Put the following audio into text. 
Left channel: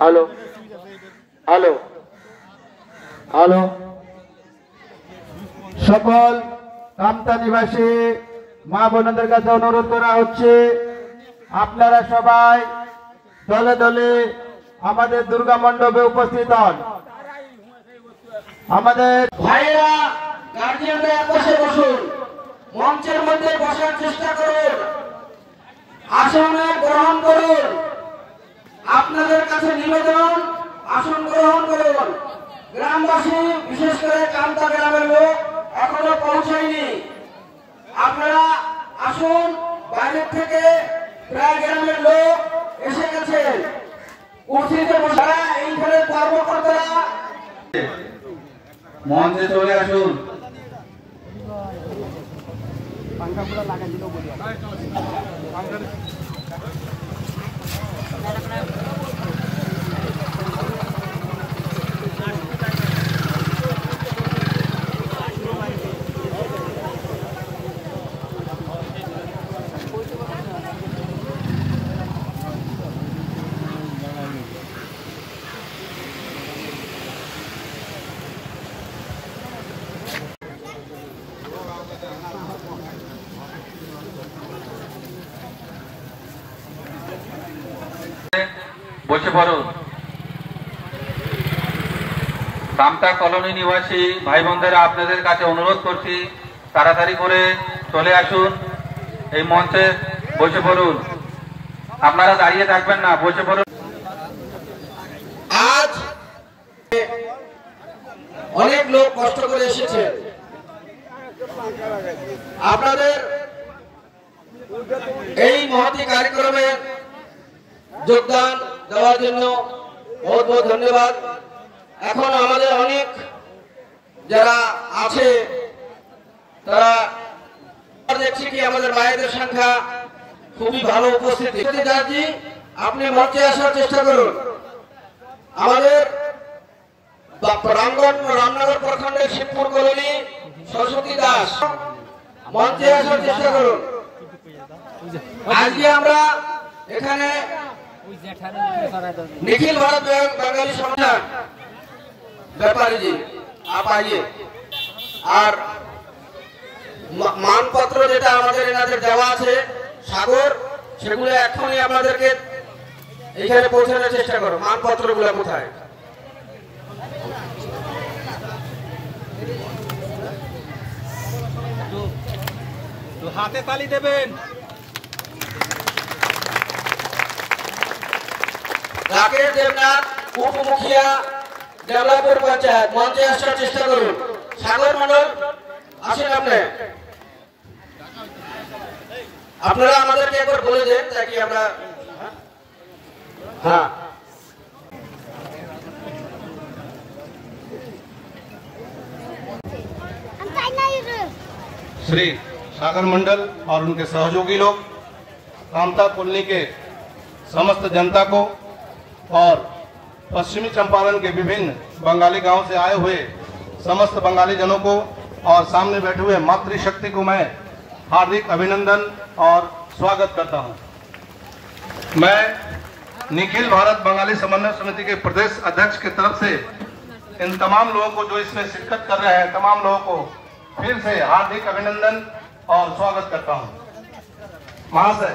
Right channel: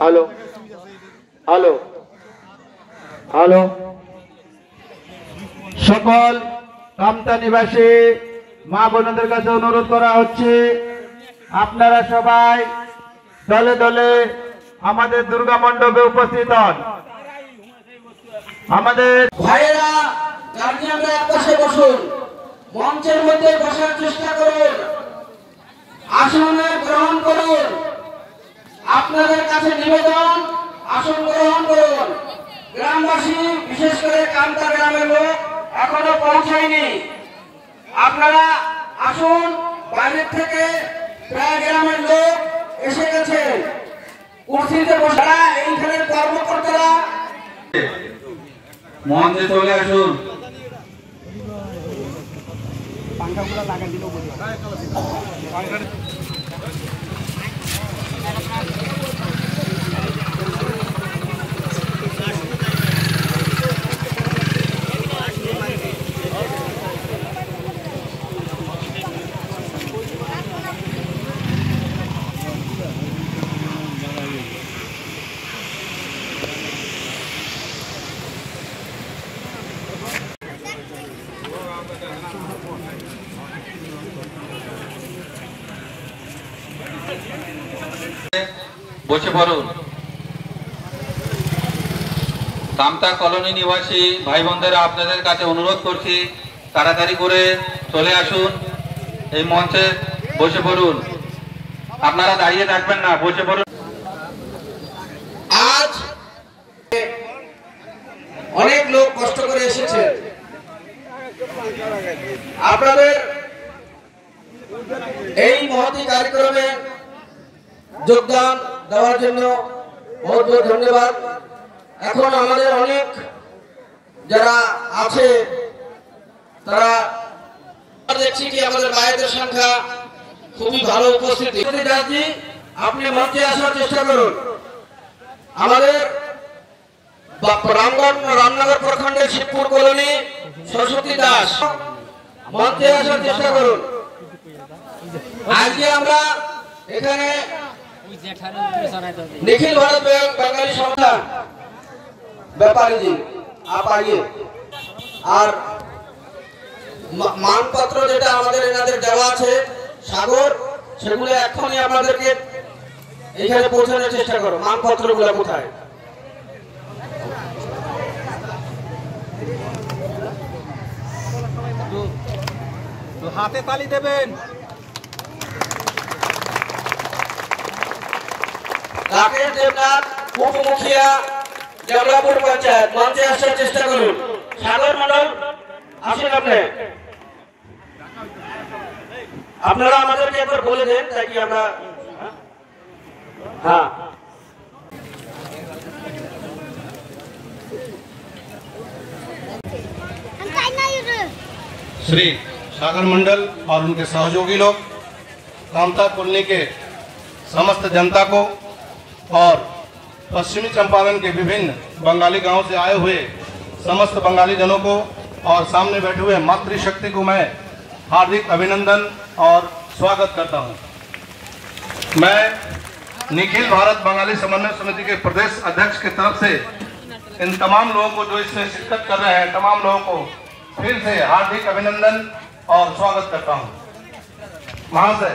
Hello hello hello সকল কামতা নিবাসী মা বোনদের কাছে অনুরোধ করা হচ্ছে, আপনারা সবাই দলে দলে আমাদের দুর্গা মণ্ডপে উপস্থিত হন। আমাদের ভাইয়েরা, গার্জিয়ানরা বসে বসুন, মঞ্চের মধ্যে বসার চেষ্টা করুন, আসনে গ্রহণ করুন। আপনাদের কাছে নিবেদন, আসন গ্রহণ করুন। গ্রামবাসী, বিশেষ করে কামতা গ্রামের লোক এখনো পৌঁছায়নি, আপনারা আসুন। বাইরের থেকে প্রায় গ্রামের লোক এসে গেছেন, কুর্সিতে বসা এইখানে কর্মকর্তারা মঞ্চে চলে আসুন। বসে পড়ুন। কামতা কলোনি নিবাসী ভাই বোনদের আপনাদের কাছে অনুরোধ করছি, তাড়াতাড়ি করে চলে আসুন, এই মঞ্চে বসে পড়ুন। আপনারা দাঁড়িয়ে থাকবেন না, বসে পড়ুন। আজ অনেক লোক কষ্ট করে এসেছে, আপনাদের এই মহতি কার্যক্রমে যোগদান দেওয়ার জন্য বহুত বহুত ধন্যবাদ। এখন আমাদের অনেক যারা আছে তারা দেখছি কি আমাদের মায়েদের সংখ্যা খুবই ভালো উপস্থিতি। যাচ্ছি, আপনি মঞ্চে আসার চেষ্টা করুন। আমাদের রামনগর প্রখণ্ডের শিবপুর কলোনি সরস্বতী দাস, মঞ্চে আসার চেষ্টা করুন। আজকে আমরা এখানে निखिल भारत बांगाली संस्थान ব্যাপারী জি आप आइए। আর মানপত্র যেটা আমাদের এনাদের দেওয়া আছে সাগর, সেগুলো এখনই আমাদেরকে এখানে পৌঁছানোর চেষ্টা করো। মানপত্রগুলো কোথায়? তো হাতে তালি দেবেন। রাকেশ দেবনাথ, উপমুখিয়া, জবলাপুর পঞ্চায়েত, মঞ্চে আসার চেষ্টা করুন। সাগর মন্ডল আসেন আপনি। আপনারা আমাদেরকে একবার বলে দেন তাই আমরা हाँ श्री सागर मंडल और उनके सहयोगी लोग, कामता कॉलोनी के समस्त जनता को और पश्चिमी चंपारण के विभिन्न बंगाली गांव से आए हुए समस्त बंगाली जनों को और सामने बैठे हुए मातृशक्ति को मैं हार्दिक अभिनंदन और स्वागत करता हूं। मैं निखिल भारत बंगाली समन्वय समिति के प्रदेश अध्यक्ष की तरफ से इन तमाम लोगों को जो इसमें शिरकत कर रहे हैं, तमाम लोगों को फिर से हार्दिक अभिनंदन और स्वागत करता हूं। महाशय,